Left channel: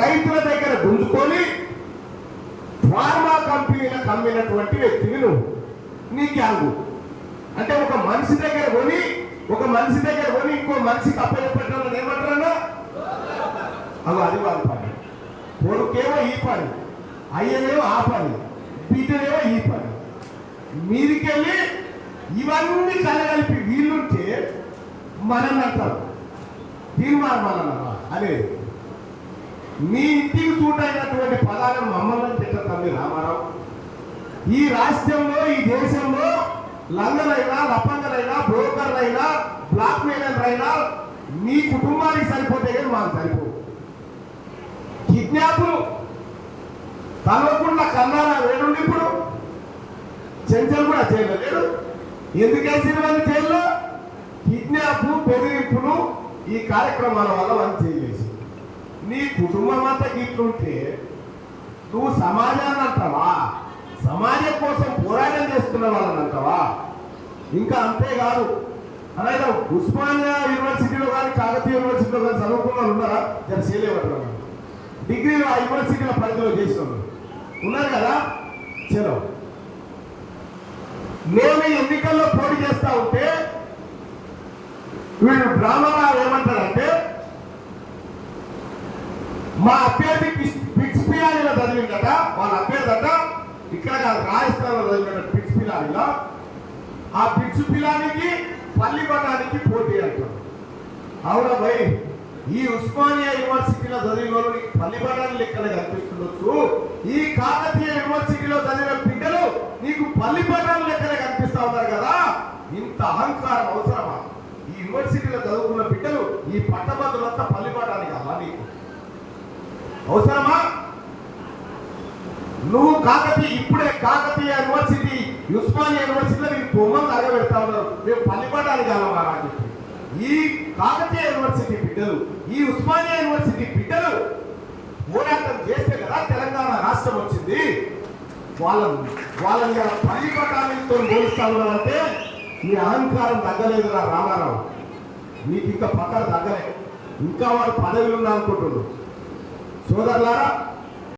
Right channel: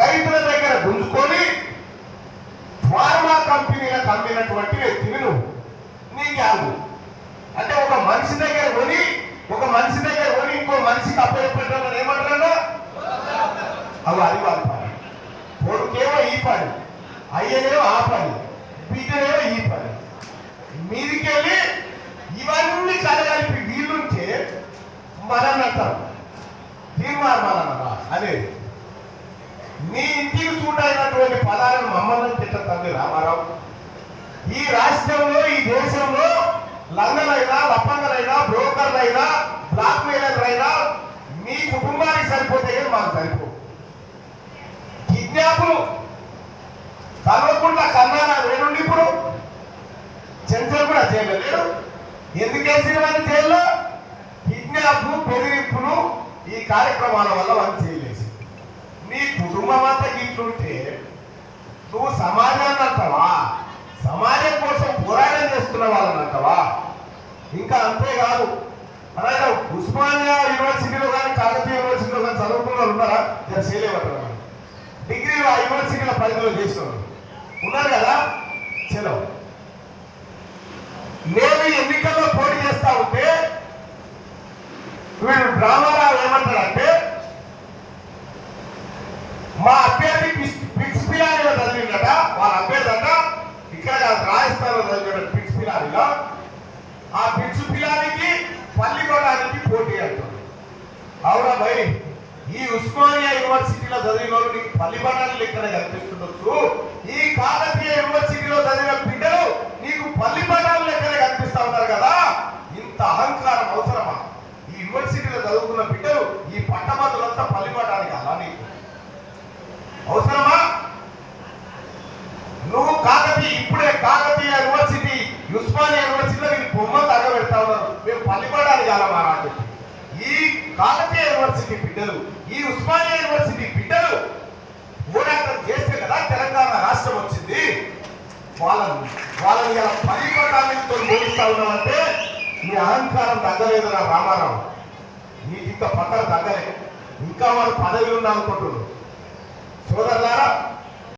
రైతుల దగ్గర గుంజుకొని ఫార్మా కంపెనీలకు అమ్మినటువంటి వ్యక్తివి నువ్వు. నీ గ్యాంగు. అంటే ఒక మనిషి దగ్గర కొని ఒక మనిషి దగ్గర కొని ఇంకో మనిషికి అప్పగించడం ఏమంటారన్నా? అవి అది వాళ్ళ పని. కొడుకేమో ఈ పని. అయ్యనేమో ఆ పని. బిడ్డనేమో ఈ పని. మీదికెళ్ళి ఇవన్నీ కలగలిపి వీలుంటే మనం అంటారు. తీర్మానం అనేది. మీ ఇంటికి చూడైనటువంటి పదాలను మమ్మల్ని తిట్టతండి రామారావు. ఈ రాష్ట్రంలో ఈ దేశంలో లంగలైనా లప్పంగలైనా బ్రోకర్లైనా బ్లాక్ మెయిలర్లైనా మీ కుటుంబానికి సరిపోతాయి మాకు సరిపో కిడ్నాప్లు తలవకుండా కన్నారా వేడుండి ఇప్పుడు చెంచలు కూడా చేయలేదు ఎందుకే వేసిన వాళ్ళు జైల్లో? కిడ్నాప్లు బెదిరింపులు ఈ కార్యక్రమాల వల్ల వాళ్ళు నీ కుటుంబం అంతా గిట్లుంటే నువ్వు సమాజాన్ని అంటావా? సమాజం కోసం పోరాటం చేస్తున్న వాళ్ళని అంటావా? ఇంకా అంతేకాదు. అలాగే ఉస్మానియా యూనివర్సిటీలో కానీ కాకతీయ యూనివర్సిటీలో కానీ చదువుకున్న ఉన్నారా? దాన్ని చేయలేమంటారు డిగ్రీలో ఆ యూనివర్సిటీలో పరిధిలో చేసిన ఉన్నారు కదా? చలో నేను ఎన్నికల్లో పోటీ చేస్తా ఉంటే వీళ్ళు డ్రామా మా అభ్యర్థి పిచ్- పిచ్ చదివి చదివిందట వాళ్ళ అభ్యర్థి అంట ఇక్కడ రాజస్థాన్లో చదివినట పిచ్ పిలానిలో ఆ పిచ్ పిలానికి పల్లి కొట్టడానికి పోటీ అంటారు అవునా భయ్? ఈ ఉస్మానియా యూనివర్సిటీలో చదివిన వాళ్ళకి ఇక్కడ కనిపిస్తుండొచ్చు? ఈ కాకతీయ యూనివర్సిటీలో చదివిన బిడ్డలు నీకు పల్లి లెక్కనే ఎక్కడ కనిపిస్తా ఉంటారు కదా? ఇంత అహంకారం అవసరమా? ఈ యూనివర్సిటీలో చదువుకున్న బిడ్డలు ఈ పట్టభద్రులంతా పల్లి అలా నీకు. అవసరమా? నువ్వు కాకతీయ ఇప్పుడే కాకతీయ యూనివర్సిటీ ఉస్మానియా యూనివర్సిటీలో మీరు బొమ్మలు తగబెడతా ఉన్నారు మీరు పల్లిపడాలి కాలమా అని చెప్పి. ఈ కాకతీయ యూనివర్సిటీ బిడ్డలు ఈ ఉస్మానియా యూనివర్సిటీ బిడ్డలు పోరాటం చేస్తే కదా తెలంగాణ రాష్ట్రం వచ్చింది. వాళ్ళని వాళ్ళని ఇలా పల్లిపడాలతో పోలుస్తా ఉన్నామంటే ఈ అహంకారం తగ్గలేదురా రామారావు. నీకు ఇంకా పక్కన తగ్గలే. ఇంకా వాడు పదవి ఉండాలనుకుంటున్నారు. సోదరులారా